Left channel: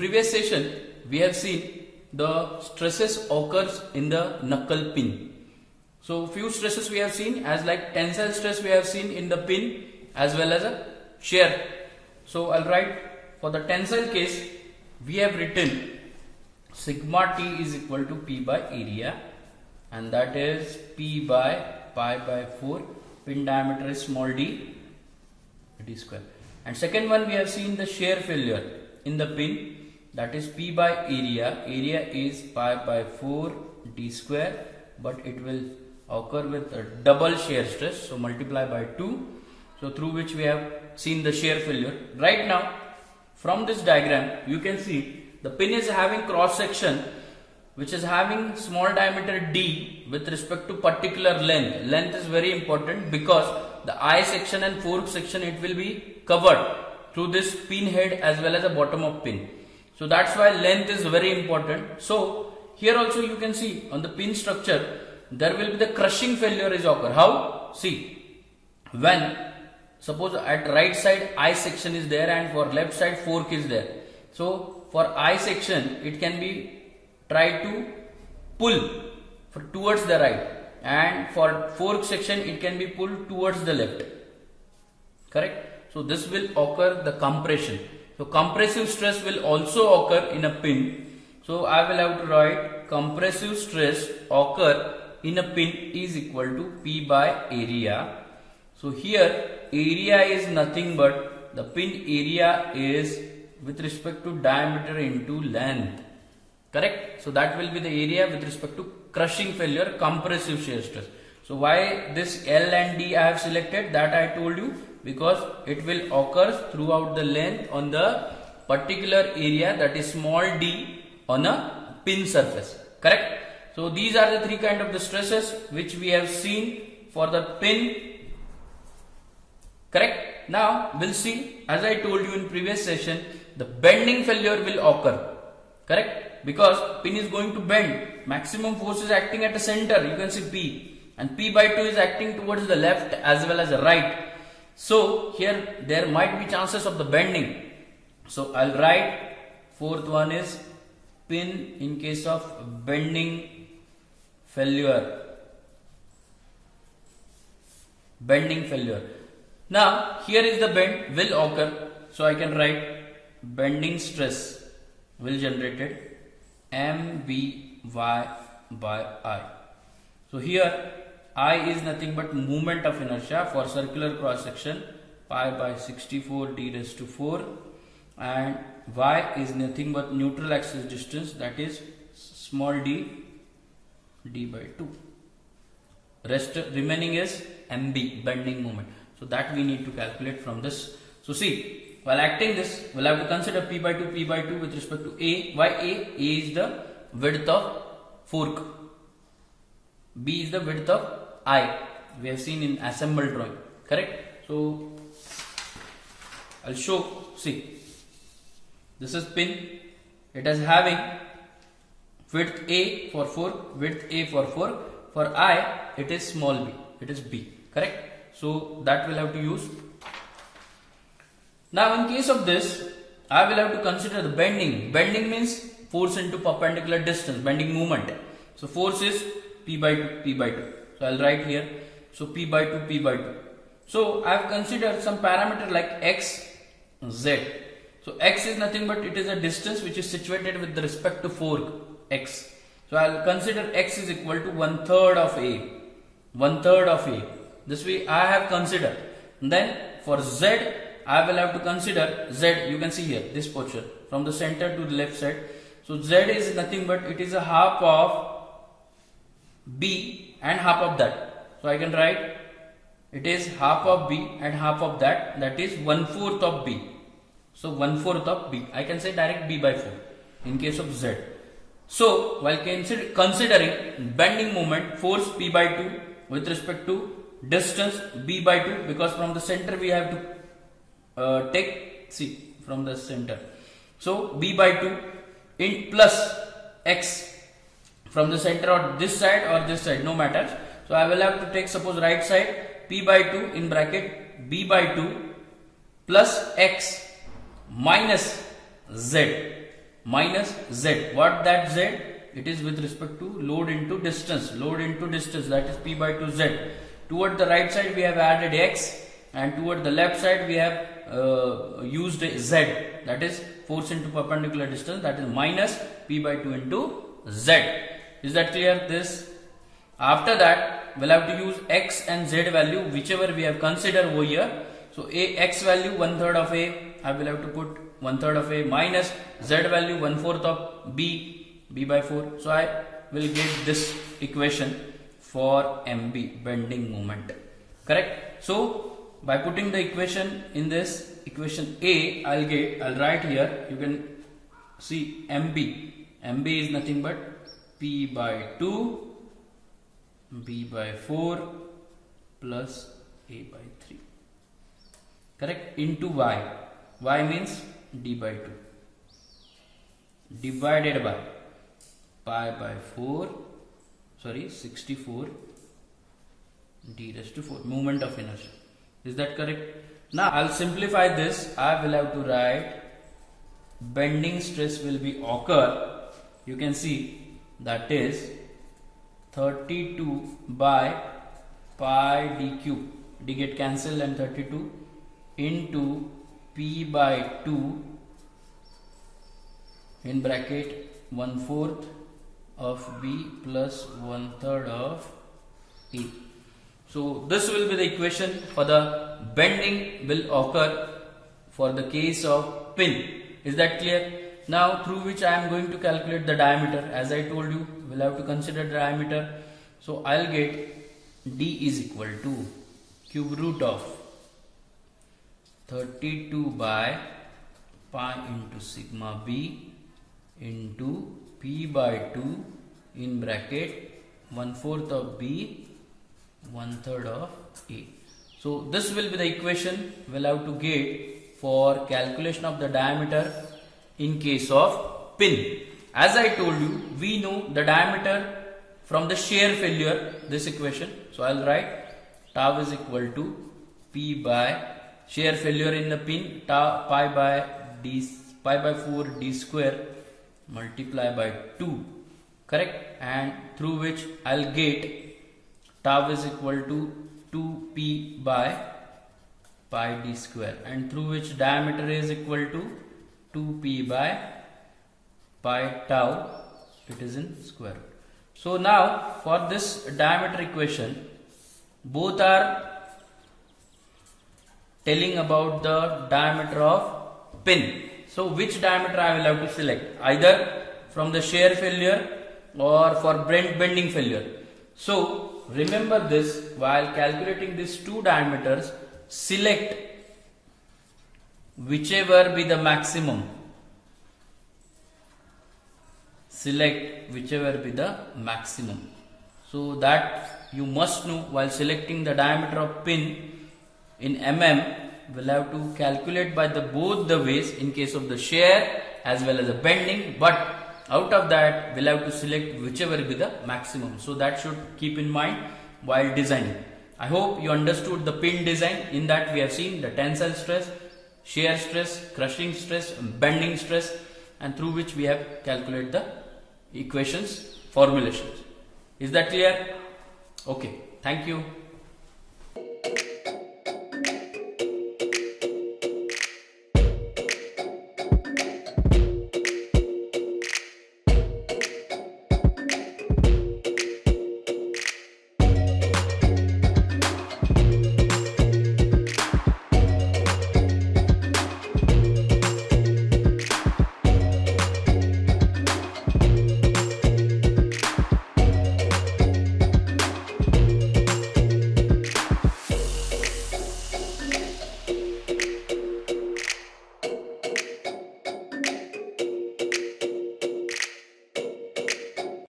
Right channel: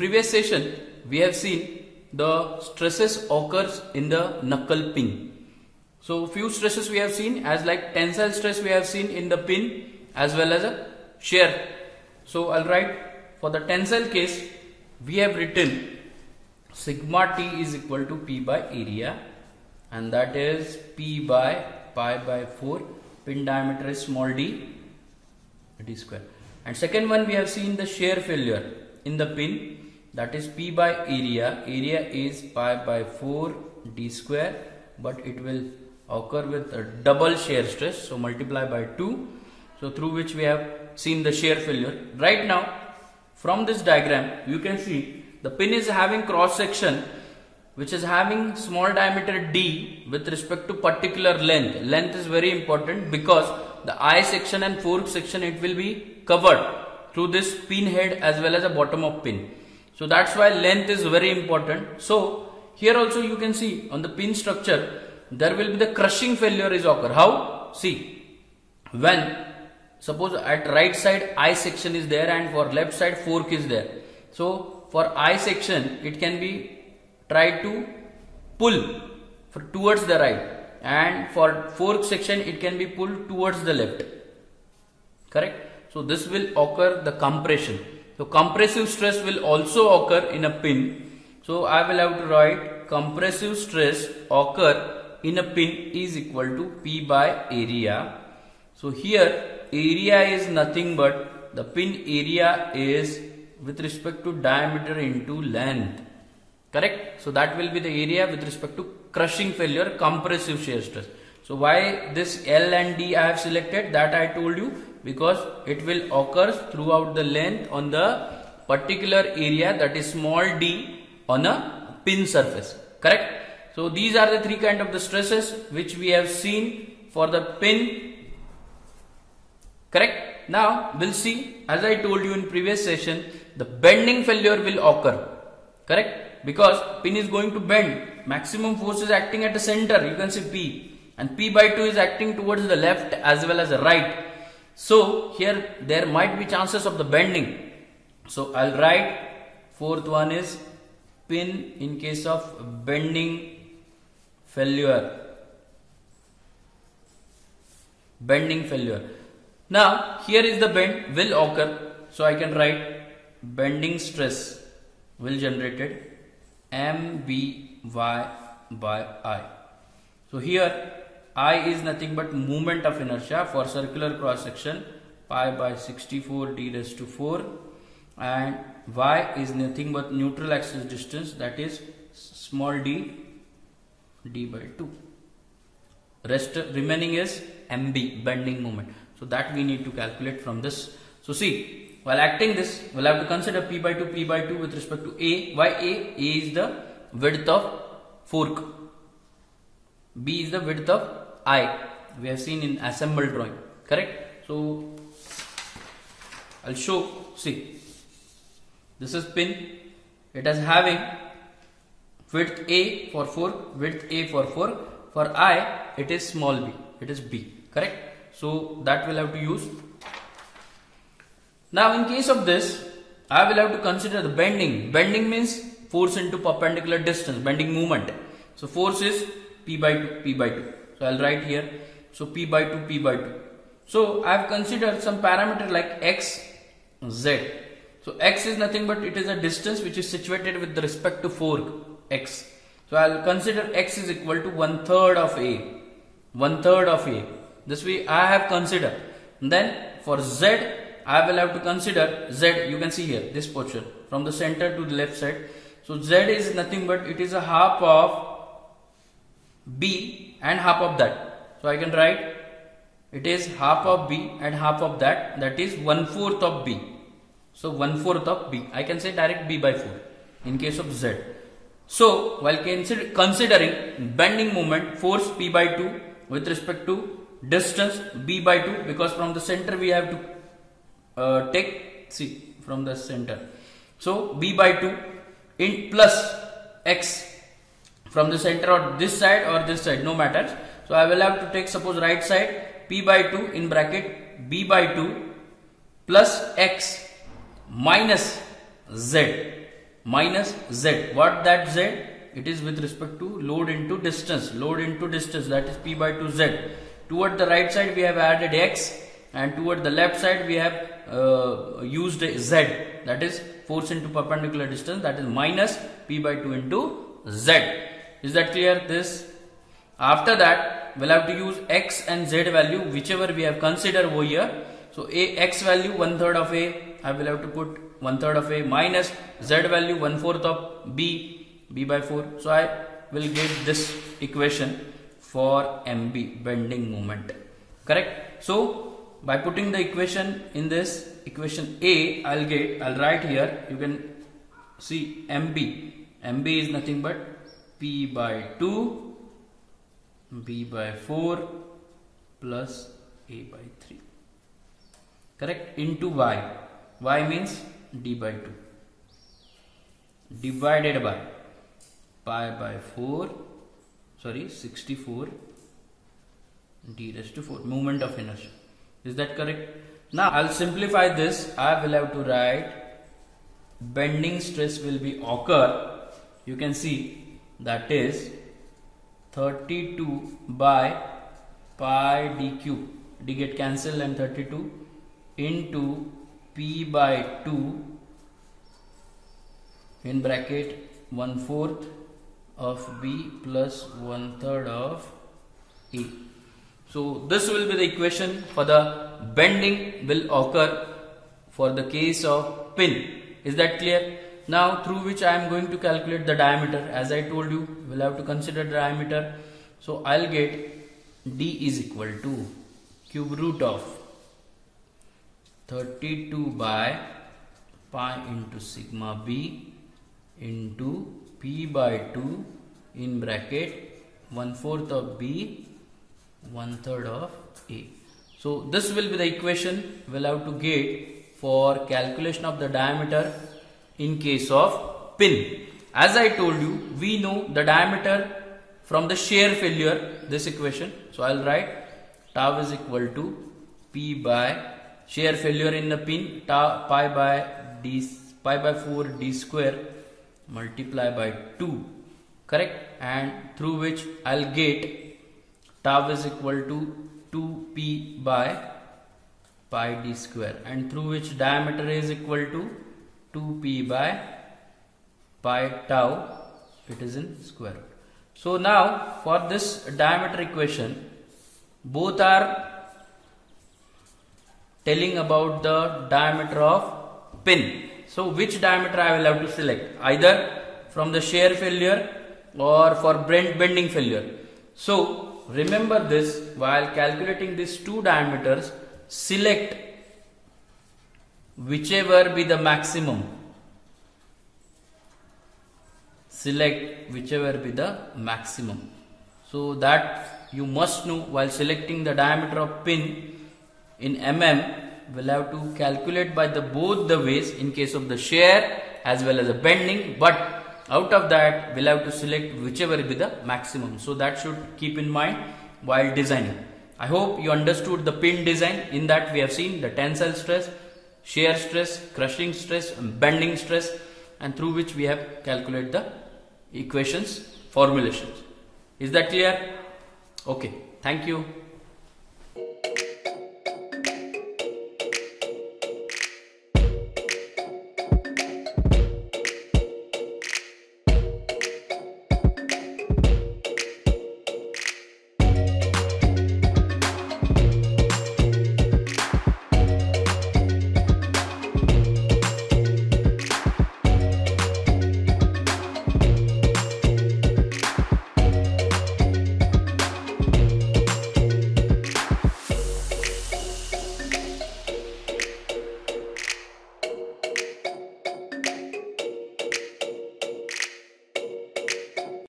Previous session we have seen the stresses occurs in the knuckle pin. So few stresses we have seen as like tensile stress we have seen in the pin as well as a shear. So I'll write for the tensile case we have written sigma T is equal to P by area, and that is P by pi by 4. Pin diameter is small d square. And second one we have seen the shear failure in the pin, that is P by area. Area is pi by 4 d square, but it will occur with a double shear stress, so multiply by 2. So through which we have seen the shear failure. Right now from this diagram you can see the pin is having cross section which is having small diameter d with respect to particular length. Length is very important because the eye section and fork section it will be covered through this pin head as well as the bottom of pin. So that's why length is very important. So here also you can see on the pin structure there will be the crushing failure is occur. How? See, when suppose at right side eye section is there and for left side fork is there. So for eye section it can be try to pull towards the right, and for fork section it can be pulled towards the left. Correct? So this will occur the compression. So compressive stress will also occur in a pin. So I will have to write compressive stress occur in a pin is equal to P by area. So here area is nothing but the pin area is with respect to diameter into length. Correct? So that will be the area with respect to crushing failure, compressive shear stress. So why this L and D I have selected, that I told you, because it will occur throughout the length on the particular area, that is small d on a pin surface. Correct? So these are the three kind of the stresses which we have seen for the pin. Correct? Now we'll see, as I told you in previous session, the bending failure will occur. Correct? Because pin is going to bend. Maximum force is acting at the center. You can see P, and P by 2 is acting towards the left as well as the right. So here there might be chances of the bending. So I'll write fourth one is pin in case of bending failure. Bending failure. Now here is the bend will occur. So I can write bending stress will generated Mby by I. So here I is nothing but moment of inertia for circular cross section, pi by 64 d raised to 4, and y is nothing but neutral axis distance, that is small d by 2. Rest remaining is Mb, bending moment. So that we need to calculate from this. So see, while acting this, we'll have to consider P by 2 with respect to A. Why A? A is the width of fork. B is the width of eye. We have seen in assembled drawing. Correct? So I'll show. See, this is pin. It is having width A for fork, width A for fork. For eye, it is small b. It is B. Correct? So that we'll have to use. Now in case of this, I will have to consider the bending. Bending means force into perpendicular distance, bending moment. So force is P by 2. So I'll write here. So P by 2. So I have considered some parameter like X, Z. So X is nothing but it is a distance which is situated with respect to fork, X. So I'll consider X is equal to 1/3 of A. 1/3 of A. This way I have considered. And then for Z, I will have to consider Z. You can see here this portion from the center to the left side. So Z is nothing but it is a half of B and half of that. So I can write it is half of B and half of that. That is 1/4 of B. So 1/4 of B. I can say direct B by 4 in case of Z. So while considering bending moment, force P by 2 with respect to distance B by 2, because from the center we have to see from the center. So B by 2 in plus X from the center or this side, no matters. So I will have to take suppose right side P by 2 in bracket B by 2 plus X minus Z. minus Z. What that Z? It is with respect to load into distance. Load into distance, that is P by 2 Z. Toward the right side we have added X, and toward the left side we have used Z, that is force into perpendicular distance, that is minus P by 2 into Z. Is that clear? This. After that we'll have to use X and Z value whichever we have considered over here. So X value 1/3 of A, I will have to put 1/3 of A, minus Z value 1/4 of B by 4. So I will get this equation for MB, bending moment. Correct? So by putting the equation in this equation A, I'll write here, you can see MB. MB is nothing but P by 2 B by 4 plus A by 3. Correct? Into Y. Y means D by 2 divided by pi by 64 D raised to 4, moment of inertia. Is that correct? Now I'll simplify this. I will have to write bending stress will be occur. You can see that is 32 by pi d cube. D get cancelled and 32 into P by 2 in bracket 1/4 of B plus 1/3 of A. So this will be the equation for the bending will occur for the case of pin. Is that clear? Now through which I am going to calculate the diameter. As I told you, we'll have to consider diameter. So I'll get D is equal to cube root of 32 by pi into sigma B into P by 2 in bracket 1/4 of B 1/3 of A. So this will be the equation we'll have to get for calculation of the diameter in case of pin. As I told you, we know the diameter from the shear failure, this equation. So I'll write tau is equal to P by shear failure in the pin, tau pi by 4 D square multiply by 2. Correct? And through which I'll get tau is equal to 2P by pi D square, and through which diameter is equal to 2P by pi tau, it is in square. So now for this diameter equation, both are telling about the diameter of pin. So which diameter I will have to select, either from the shear failure or for bending failure. So remember this, while calculating these two diameters, select whichever be the maximum. Select whichever be the maximum. So that you must know, while selecting the diameter of pin in mm, we'll have to calculate by the both the ways in case of the shear as well as the bending, but out of that we'll have to select whichever be the maximum. So that should keep in mind while designing. I hope you understood the pin design. In that we have seen the tensile stress, shear stress, crushing stress, and bending stress, and through which we have calculated the equations, formulations. Is that clear? Okay, thank you.